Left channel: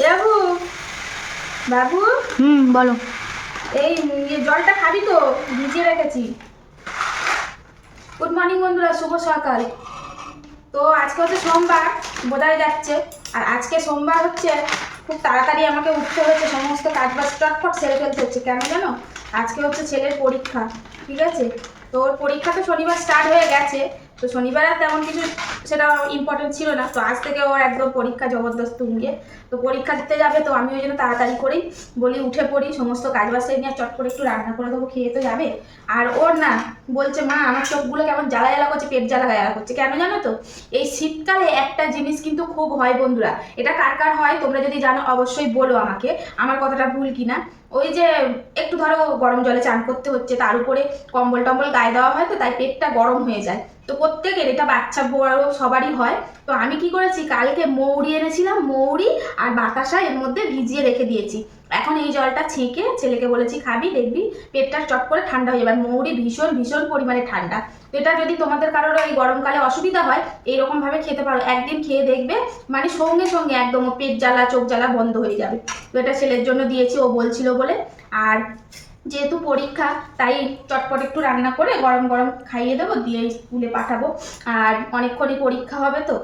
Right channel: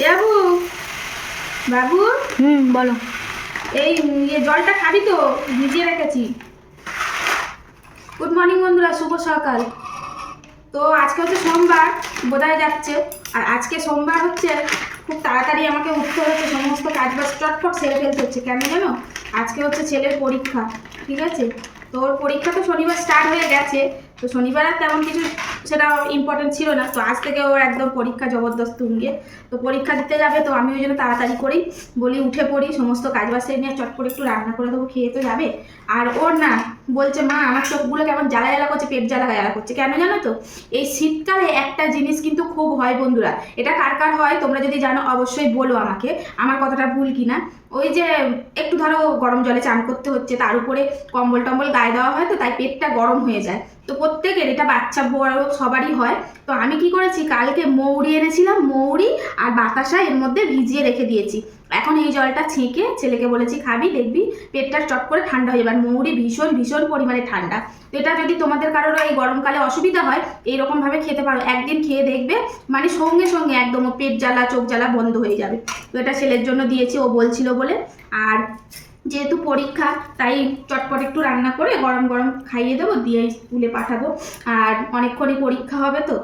বাবু বাবু? হুম বলো। এই জলটা খাবি তো ভিজিয়ে রেখেছি। গুড মর্নিং বন্ধুরা শুভ সকাল। তো আজকে হচ্ছে সোমবার বোধহয় যাচ্ছে। আর আজকে সোমবার হচ্ছে খুব তাড়াতাড়ি আমাকে উঠতে হচ্ছে সমস্ত কাজ বাজ চটফট সেরে ফেলতে হচ্ছে। কেন জানো? আজকে হচ্ছে ছেলের পরীক্ষা ঠিক আছে? তো ওর পরীক্ষা তো শনিবার স্টার্ট হয়ে গেছে। তো শনিবার আর তেমন কিছু সেটা ইম্পর্টেন্ট ছিল না। তো আজ থেকে ওর একদম পরীক্ষা জবরদস্ত উঙ্গে তো পরীক্ষা দিতে যাবে, তো আমি ওই জন্য তাড়াতাড়ি করি, বলি উঠে পড়ি, সমস্ত কাজ বাজ নিয়ে চট করে একটু রান্না করে দেবো, খেয়ে তো যাবে। আর ওর না, বলছে, মা, আমার চোখগুলো কেমন জ্বালা জ্বালা করছে, পেট জ্বালা জ্বালা করছে। কেন জানো তো? এই শীতকালে একটা জিনিস কিন্তু খুব হয় বন্ধুরা, এটা কার কার হয় তোমরা যদি জানো, অবশ্যই বলো আমাকে, আমার কথাটা ভুল কিনা। ওই যে, একটু ধরো গরম জলে চান করতে হচ্ছে, তার উপরে কম্বল টম্বল গায়ে দেওয়া হয় তো, তাই পেটটা গরম হয়ে যায়। তো প্রত্যেকের, এটা বাচ্চা বড় সবারই হয়। তো আমি কি করেছি, কালকে মৌরি এনেছিলাম, মৌরি আর বাতাসা এর মধ্যে ভিজিয়ে রেখে দিয়েছি। এখন এই জলটা ছেঁকে ছেলেকে বলেছি, খাবি, দেখবি, পেটটা চট করে ঠান্ডা হয়ে যাবে। আর মৌরি ভীষণ ভীষণ পরিমাণে ঠান্ডা। এটা যদি তোমাদের কারোর এই গরমকালে অসুবিধা হয় এইরকমভাবে খেতে পারো। একদিন খেয়ে দেখবে মানে সঙ্গে সঙ্গে একদম পেট জ্বালা, চোখ জ্বালা বন্ধ হয়ে যাবে। তো এটা ছেলের জন্য দিয়েছি, ও বলছিল বলে। আর যেহেতু পরীক্ষা, তাই চটপট একটু রান্না করে গরম গরম খাইয়ে দেবো, দিয়ে স্কুলে পাঠাবো। আর অনেকক্ষণই পরীক্ষা হবে তো।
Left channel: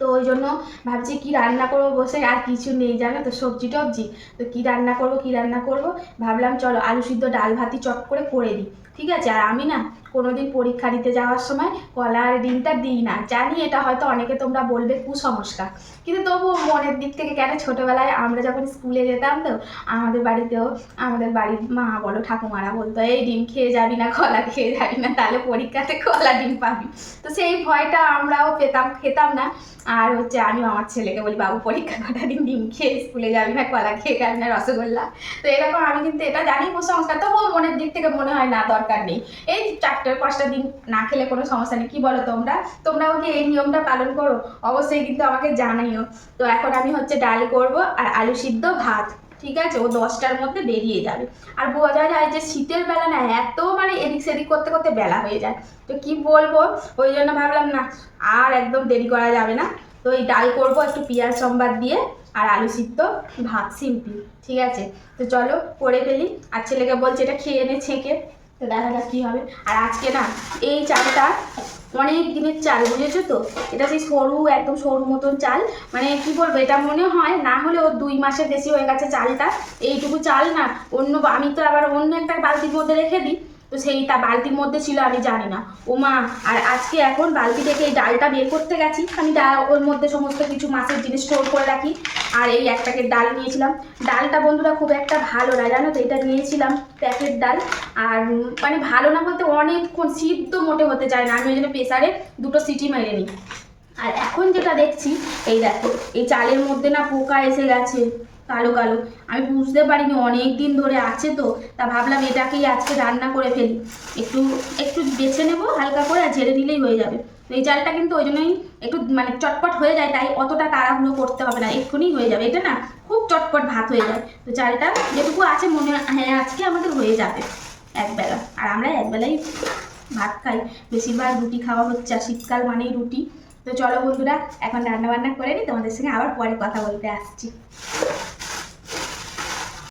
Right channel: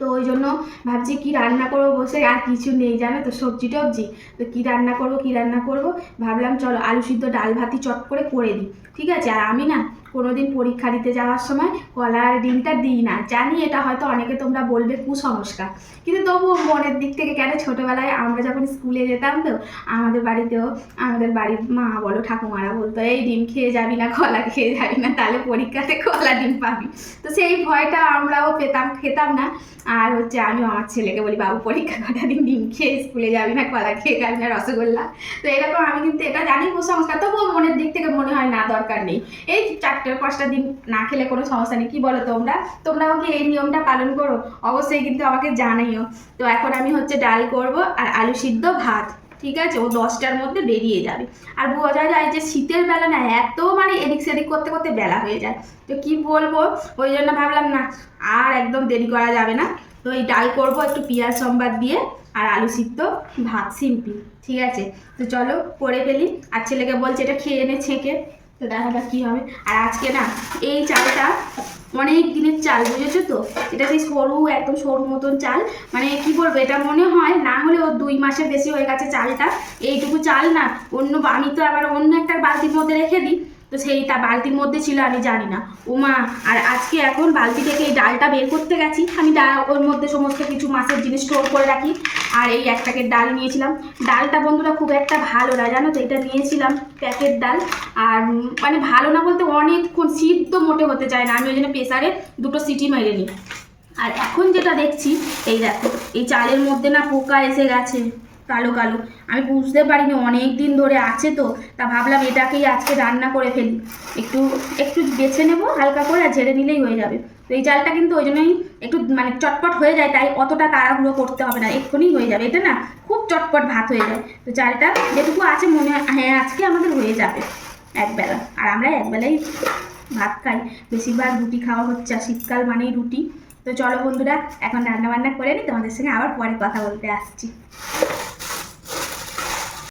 তো ওই জন্য ভাবছি কি রান্না করব বসে, আর কিছু নেই জানো তো, সবজি টবজি। তো কি রান্না করব, কি রান্না করব? ভাবলাম চলো আলু সিদ্ধ ডাল ভাতি চট করে করে দিই। ঠিক আছে? আর আমি না কোনোদিন পরীক্ষা দিতে যাওয়ার সময় কলার ডিমটা দিই না। জানি এটা হয়তো অনেকে তোমরা বলবে, কুসংস্কার। কিন্তু তবুও মনের দিক থেকে কেন ছোটোবেলায় আমরা যখন স্কুলে যেতাম তো, আমাদের বাড়িতেও আমাদের বাড়ির মা বলো, ঠাকুমারা বলতো, এই ডিম খেয়ে যাবি না, কলা খেয়ে যাবি না, তাহলে পরীক্ষাতে কলা ডিম পাবি। তো সেই ভয়টা আমরাও পেতাম, খেতাম না। আর হচ্ছে আমি আমার ছেলেকে বলি, বাবু, পরীক্ষা কটা দিন ডিম খেয়ে স্কুলে যাবি না, কলা খেয়ে যাবি না, রসগোল্লা? তো এরকম আমি কিন্তু এটা জানি কুসংস্কার, তবুও মনের দিক থেকে মনে হয় না, দরকার নেই। এই চারটে পাঁচটা দিন না খেলে কোনো সমস্যা নেই। কি বলো তোমরা? তোমরাও কি এই নিয়মটা পালন করো? অবশ্যই কিন্তু আমাকে জানাইও। তো এখন আমি হচ্ছে ডাল করব আর আলু সিদ্ধ ভাত, ঠিক আছে? ও দশটার মধ্যে বেরিয়ে যাবে। আর বোঝা যায় যে শীতের বেলা না, এত মানে এদিক সেদিক করতে করতে বেলা হয়ে যায়। তো কি বলব? ওই জন্য ভাবলাম না, আর একদম দেরি করা যাবে না। তো এই ডাল করব একটু পেঁয়াজ সম্বাদ দিয়ে আর আলু সিদ্ধ ভাত, সিম্পল, ঠিক আছে? তো চলো করে ফেলি। আর ছেলেকে বলছে এটা খেয়ে এনে ছেঁকে। তো দেখা যাক কী হবে। আর আজকে না, এই চালটা অনেক দিনের চাল, বুঝেছ তো? এটা সেই সরু, একদম সরু মতন চাল। মানে কি বলব, এটা মনে হয় না হলে ওর দুই মাসের বেশি হয়ে গেছে চালটা। এইটুকু চাল না, অন্য আমি তো আবার অন্য একটা বালতির মধ্যে রেখে দিই। তো সেইটা বালতির মধ্যে ছিল, আমি জানি না। ও মা, আর আজকে এখন বালতি থেকে এই ডালটা বের করতে গেছি। আমি ডাল, ওর মধ্যে সমস্ত কিছু মাছের জিনিস স্টোর করে রাখি। আর এই এক প্যাকেট ডাল নিয়েছিলাম। ডালটা বন্ধুরা খুব একটা ভালো না, জানো তো, এটা নিয়েছিলাম প্যাকেট ডাল। আর মানে ভালো না বলতে অনেকক্ষণ সিদ্ধ মোটে হতে চায় না, আমি ওই জন্য প্রেসারে দুটো সিটি মেরে নিই। আর এখন যেটা দেখছি, এই দেখো, এই চালের মধ্যে না পোকা এসে গেছে। কালো কালো। আমি বুঝতে পারিনি, অনেক দিন ধরে আছে তো, তা ভাবলাম এটাকেই আজকে রান্না করে ফেলি। একটু একটু বেছে নেব, হালকা করে আর ঝেড়ে নিলেই হয়ে যাবে। তো এই চালটা কিন্তু ওই জন্যই একটু মানে চটপট হয়ে যায়, তাই অতটা তাড়াহুড়ো করতে হবে না, এক্ষুনি হয়ে যাবে। এটা না, খুব চটপট ভাত হয়ে যায়। তো চালটা যেটুকু আছে মনে হয় আজকে আমাদের হয়ে যাবে একবেলা। আর আমরা একবেলাই ভাত খাই। বেশিরভাগ রুটি খাওয়া হচ্ছে, আর শীতকাল মানেই রুটি। তো চলো বন্ধুরা, এখন রান্না বান্না করে নিই, তোমাদের সঙ্গে আবার পরে কথা বলতে আসছি।